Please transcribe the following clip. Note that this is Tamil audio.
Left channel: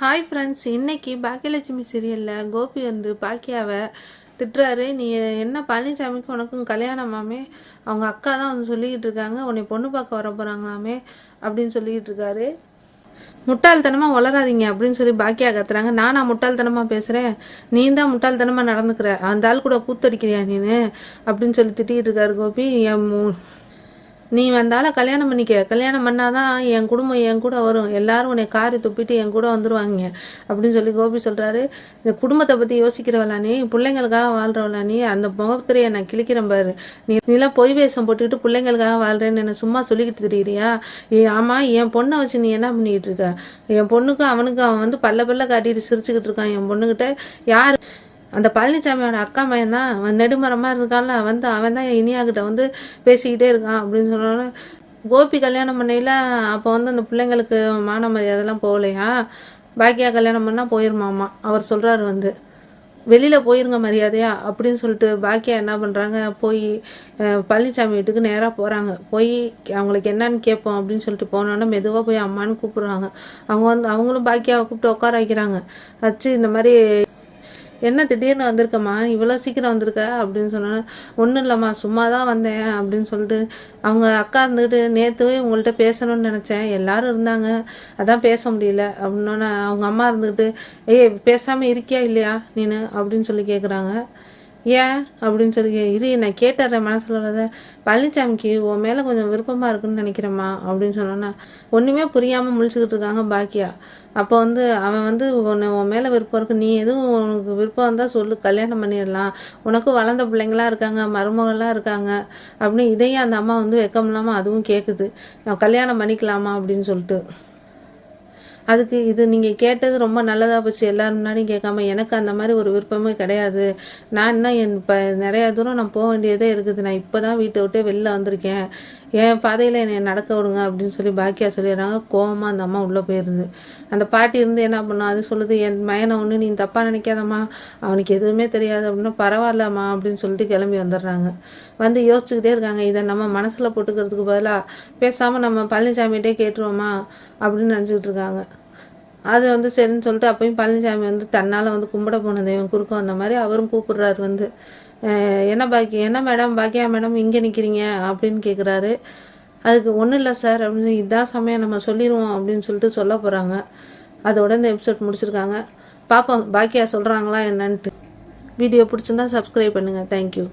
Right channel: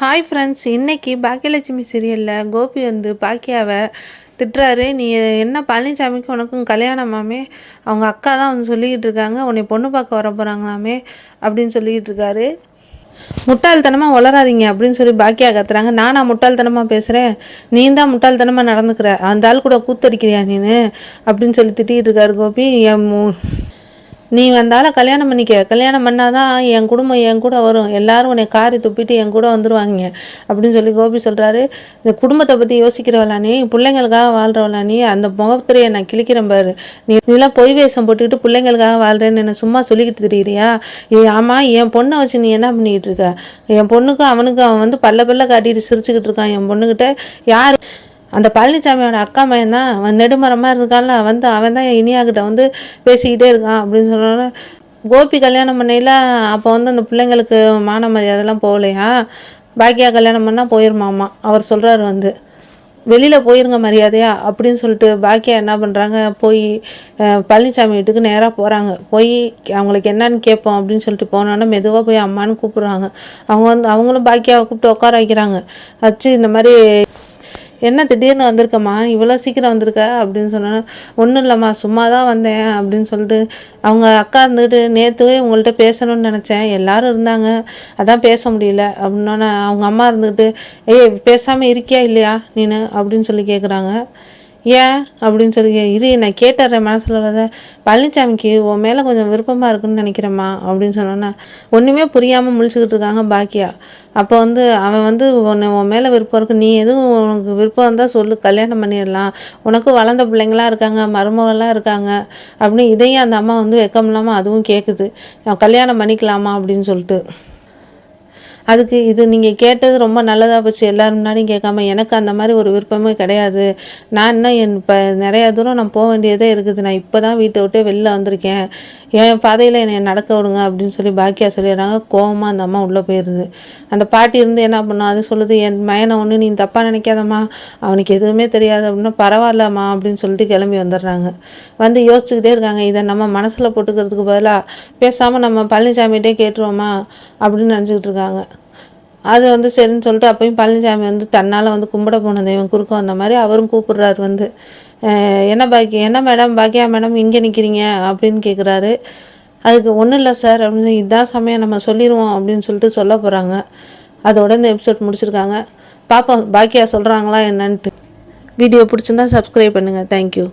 ஹாய் ஃப்ரெண்ட்ஸ், இன்னைக்கு பாக்கியலட்சுமி சீரியலில் கோபி வந்து பாக்கியாவை திட்டுறாரு. நீ என்ன பழனிசாமிக்கு உனக்கும் கல்யாணமாமே, அவங்க அக்கா தான் வந்து சொல்லிக்கிட்டு இருக்காங்க, உன்னை பொண்ணு பார்க்க வர போகிறாங்களாமே அப்படின்னு சொல்லிக்கிட்டு இருக்காரு. முட்டாள்தனமாக வளராதீங்க அப்படின்னு சொல்லி பாக்கியா கத்துறாங்க. நானா முட்டாள்தனமாக பேசுகிறேன், நீ தான் முட்டாள்தனமாக நடந்துக்கிற, அந்த ஆள் கூட கூத்தடிக்கிறியா நீனு அப்படின்னு சொல்லி திட்டிகிட்டு இருக்காரு கோபி. நீ வந்தாலும் கல்யாணம் பண்ணிக்க, கல்யாணம் பண்ணாதான் என் குடும்பம் என் கூட வரும், எல்லாரும் உன்னை காரி துப்பிட்டு என் கூட வந்துடுவாங்க அப்படின்னு சொல்லி கோபி சொல்கிறாரு. இந்த குடும்பத்தை பற்றி யோசிக்கிறவளா நீ, பிள்ளைங்களுக்காக வாழ்கிறவளா நீ, அந்த முகத்திரையை நான் கிழிக்கிறேன் பாரு, நீலாம் பொய் வேஷம் போட்டுக்கிட்டு பிள்ளைங்களுக்காக வாழ்கிறேன்னு என்ன சும்மா சொல்லிக்கிட்டு தெரியுறியா? ஆமாம், என் பொண்ணை வச்சு நீ என்ன பண்ணிக்கிட்டு இருக்க? என் பொண்ணுக்கும் அவனுக்கும் அவன் வந்து பல்ல காட்டிட்டு சிரிச்சுக்கிட்டு இருக்கான். என் பொண்ணுக்கிட்ட யார்? அந்த பழனிசாமியோட அக்கா பையன் தான், அவன் நெடுமரமாக இருக்கான்ல, வந்து அவன் தான் இனியாக்கிட்ட வந்து பேசிக்கிட்டே இருக்கான் அப்படின்னு சொன்னோன்னே, கோபி கல்யாணம் பண்ணையில் அப்போ வந்து அந்த பிள்ளைங்களுக்கு மான மரியாதைலாம் போகலையா? பாக்கியா கல்யாணம் பண்ணால் போயிருமாமா. அவர் சொல்கிறாரு வந்து வெளியில் போயிருங்க மரியாதையா அப்படின்னு சொல்லிட்டு பாக்கியா என்ன பண்ணுறாங்க, போய் பழனிசாமி வீட்டுக்கு நேராக போகிறாங்க. போய் அவங்களுக்கு என்னன்னு கேட்போம் அப்படின்னு சொல்லிட்டு போனோன்னா மெதுவாக போய் அம்மான்னு கூப்பிட்றாங்க. அவங்களும் பாக்கியாவை கூப்பிட்டு உட்கார வைக்கிறாங்க. வச்சு இந்த மாதிரி என்ன திடீர்னு வந்திருக்கம்மா, இவ்வளோ சீக்கிரம் வந்திருக்க அப்படின்னு சொன்னோன்னா, ஒன்றும் இல்லைம்மா சும்மா தான் வந்தேன் அப்படின்னு சொல்லிட்டு அவங்க அக்கா இருந்துக்கிட்டு, நேற்றுவே உங்கள்கிட்ட பேசணும்னு நினச்சேன், எல்லோரும் இருந்தாங்க அதான் பேச முடியல அப்படின்னோன்னே, அவங்க அம்மா இருந்துக்கிட்டு பேசாமல் இருக்கியா இல்லையா நீனு அப்படின்னு சொல்லி கேட்குறாங்க. ஏன் அப்படின்னு சொல்லி இது நான் கேட்டுறேன் மனசில் உள்ளதை, பழனிசாமிக்கு உன் மேலே கொஞ்சம் விருப்பமாக இருக்குன்னு நினைக்கிறேம்மா அப்படின்னு சொன்னோன்னா, ஒன்றுமே புரியாமல் முழிச்சுக்கிட்டு இருக்காங்க பாக்கியா. அப்போ வந்து அவன் வந்து உன் மேலே விருப்பம் இருக்குது, நீ எதுவும் உனக்கு விருப்பம் இருந்தால் சொல்லு, கல்யாணம் பண்ணிடலாம், உனக்கும் வளர்ந்த பிள்ளைங்களாம் இருக்காங்க, மருமகள்லாம் இருக்காங்க அப்படின்னு. இதையும் அந்த அம்மா வந்து வெக்கம் இல்லாமல் அதுவும் கேட்குது, கல்யாணம் பண்ணிக்கலாமா அப்படின்னு சொல்லிட்டு. அதுக்கு இது நீங்கள் கேட்டது ரொம்ப நல்லதாக போச்சு, எல்லோரும் முன்னாடியும் கேட்காம. எனக்கு அந்த மாதிரி ஒரு விருப்பமே கிடையாது, நான் இன்னும் இப்போ நிறையா தூரம் நான் போக வேண்டியதே இருக்குது, நான் இப்போ தான் வீட்டை விட்டு வெளில வந்திருக்கேன், என் பாதையில் என்னை நடக்க விடுங்க அப்படின்னு சொல்லி பாக்கியா சொல்லிடுறாங்க. கோவமாக அந்த அம்மா உள்ளே போயிடுது. அந்த பாட்டி இருந்து என்ன பண்ணும், அது சொல்லுது, என் மயனை ஒன்று நீ தப்பாக நினைக்காதம்மா, அவனுக்கு எதுவுமே தெரியாது அப்படின்னா, பரவாயில்லம்மா அப்படின்னு சொல்லிட்டு கிளம்பி வந்துடுறாங்க. வந்து யோசிச்சுக்கிட்டே இருக்காங்க, இதை நம்ம மனசில் போட்டுக்கிறதுக்கு பதிலாக பேசாமல் நம்ம பழனிசாமிகிட்டே கேட்டுருவோமா அப்படின்னு நினச்சிக்கிட்டு இருக்காங்க. அது வந்து சரின்னு சொல்லிட்டு அப்பயும் பழனிசாமி வந்து தன்னால் வந்து கும்பிட போன தெய்வம் குறுக்க வந்த மாதிரி அவரும் கூப்பிடுறாரு வந்து, என்ன மேடம் பாக்கியா மேடம் இங்கே நிற்கிறீங்க அப்படின்னு கேட்குறாரு. அதுக்கு ஒன்றும் இல்லை சார் அப்படின்னு, இதுதான் சமயம் நம்ம சொல்லிடுவோம் அப்படின்னு சொல்லிட்டு சொல்ல போகிறாங்க. அதோட இந்த எபிசோட் முடிச்சிருக்காங்க. பார்ப்போம் பாக்கியா சொல்கிறாங்களா என்னன்ட்டு. வீடியோ பிடிச்சிருந்தா சப்ஸ்கிரைப் பண்ணுங்கள். தேங்க்யூ.